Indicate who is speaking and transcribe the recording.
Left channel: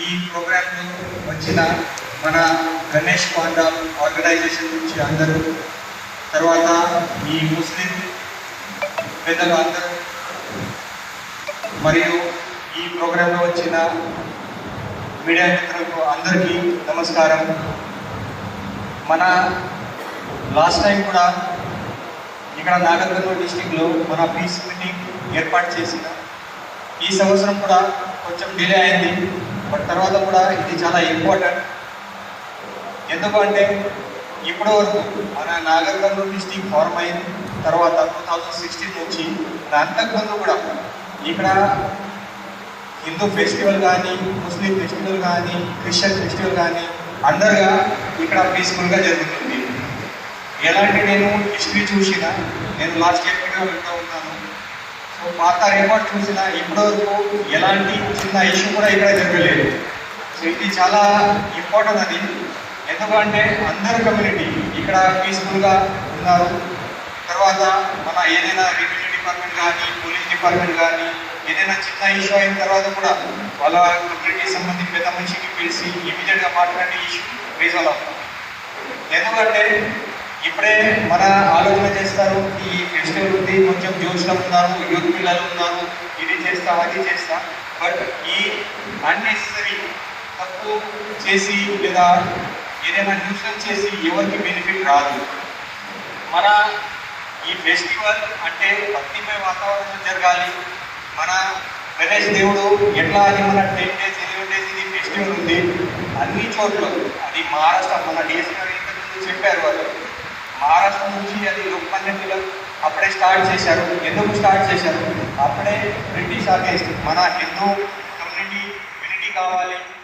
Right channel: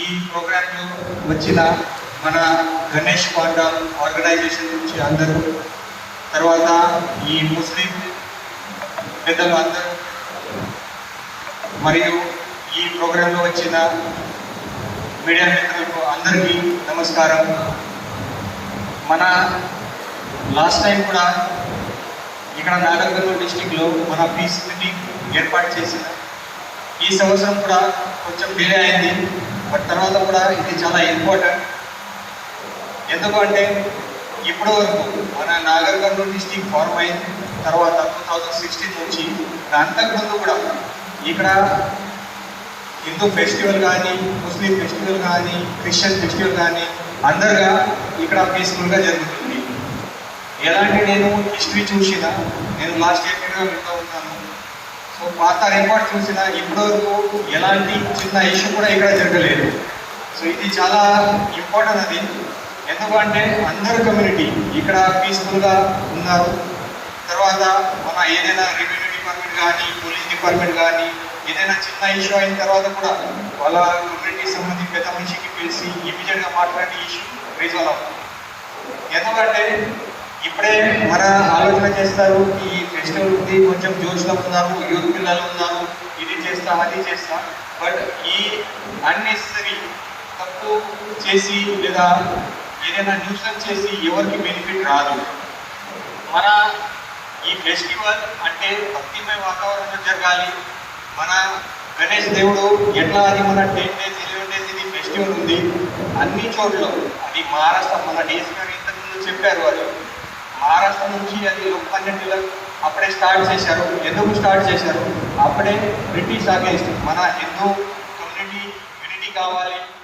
Speaker 1: ఈ ప్రోగ్రామ్ వచ్చిన మన గణేష్ గౌడ ఆర్గనైజేషన్ నుంచి అందరూ తర్వాత ఈ ముస్లిం పెద్దలు అందరూ మరియు ఈ ప్రోగ్రాంలో వచ్చిన మీడియా మిత్రులకు అందరికీ నమస్కారం. మన లాస్ట్ టైం కూడా ఇక్కడ నాగర్కర్నూలు డిస్టిక్లో మన పీస్ మీటింగ్ ఏర్పాటు చేసి ఈ సంవత్సరం కూడా కొంచెం డిలే అయింది. బట్ తర్వాత కూడా ఇది చాలా ఇంపార్టెంట్ ఎందుకు అంటే ఇప్పుడు మన నాగర్కర్నూలు డిస్టిక్ ఫార్మ్ అయిన తర్వాత టూ థౌజండ్ సిక్స్టీన్ నుంచి అంతకుముందు కూడా ఇక్కడ హిందూ ఫెస్టివల్ కానీ ముస్లిం ఫెస్టివల్ కానీ క్రిస్టియన్ ఫెస్టివల్ కానీ అందరుగా ఇక్కడ పీస్ఫుల్గా జరుగుతుంది ఎలాంటి నేను హిస్టరీ చూసిన నేను లాస్ట్ ఇయర్ కూడా ఉంటా ఉన్నాను పాత చూసిన ఇప్పటివరకు ఎలాంటి చిన్న ఇష్యూ కూడా ఇక్కడ జరగలేదు. సో ఇది చాలా ఇంపార్టెంట్ అది. ఎందుకంటే అందరు కమ్యూనిటీ ఇక్కడ పీస్ఫుల్గా ఉన్నారు. తర్వాత మన ఏదైనా రెవెన్యూ డిపార్ట్మెంట్ కానీ పోలీస్ డిపార్ట్మెంట్ కానీ ఏదైనా చిన్న ఇష్యూ అయిన తర్వాత కూడా వాళ్ళ కమ్యూనిటీ సంబంధించి పెద్ద మనిషికి పిలిచి ఇమీడియట్గా మాట్లాడే ఇష్యూ రీజాల్వ్ అవుతుంది ఎందుకంటే ఇప్పుడే మన ఆలోచన చేస్తారు. ఈ ఫెస్టివల్ ఉంది కొంచెం జోష్లో ఉన్నారు యూత్ పిల్లలు ఉన్నారు ఇది చేస్తా అది చేస్తా. బట్ ఈ అన్నెసరీ తప్పు చేసి లేదా ఏదైనా న్యూసెన్స్ చేసి ఎవరికి బెనిఫిట్ రాదు. మన ఈ ఫెస్టివల్ అంటే భక్తిమయ వాతావరణం జరగాలి. మన గణేష్ దేవుడు ఎట్లా అది మన టెన్ డేస్ ఇలెవెన్ డేస్ ఇది ఫెస్టివల్ ఉంది. అన్ని చోట్ల అది మహారాష్ట్ర డిఎస్ గారు ఇంతకుముందు చెప్పారు వాళ్ళు. మహారాష్ట్ర నుంచి అది రూపన్నట్టుగా అప్పుడే స్టార్ట్ చేశారు ఎందుకు స్టార్ట్ చేశారు అప్పుడే బ్రిటిష్ అగేన్స్ట్ మన హిందూ కమ్యూనిటీ యూనిటీ కావాలి పబ్లిక్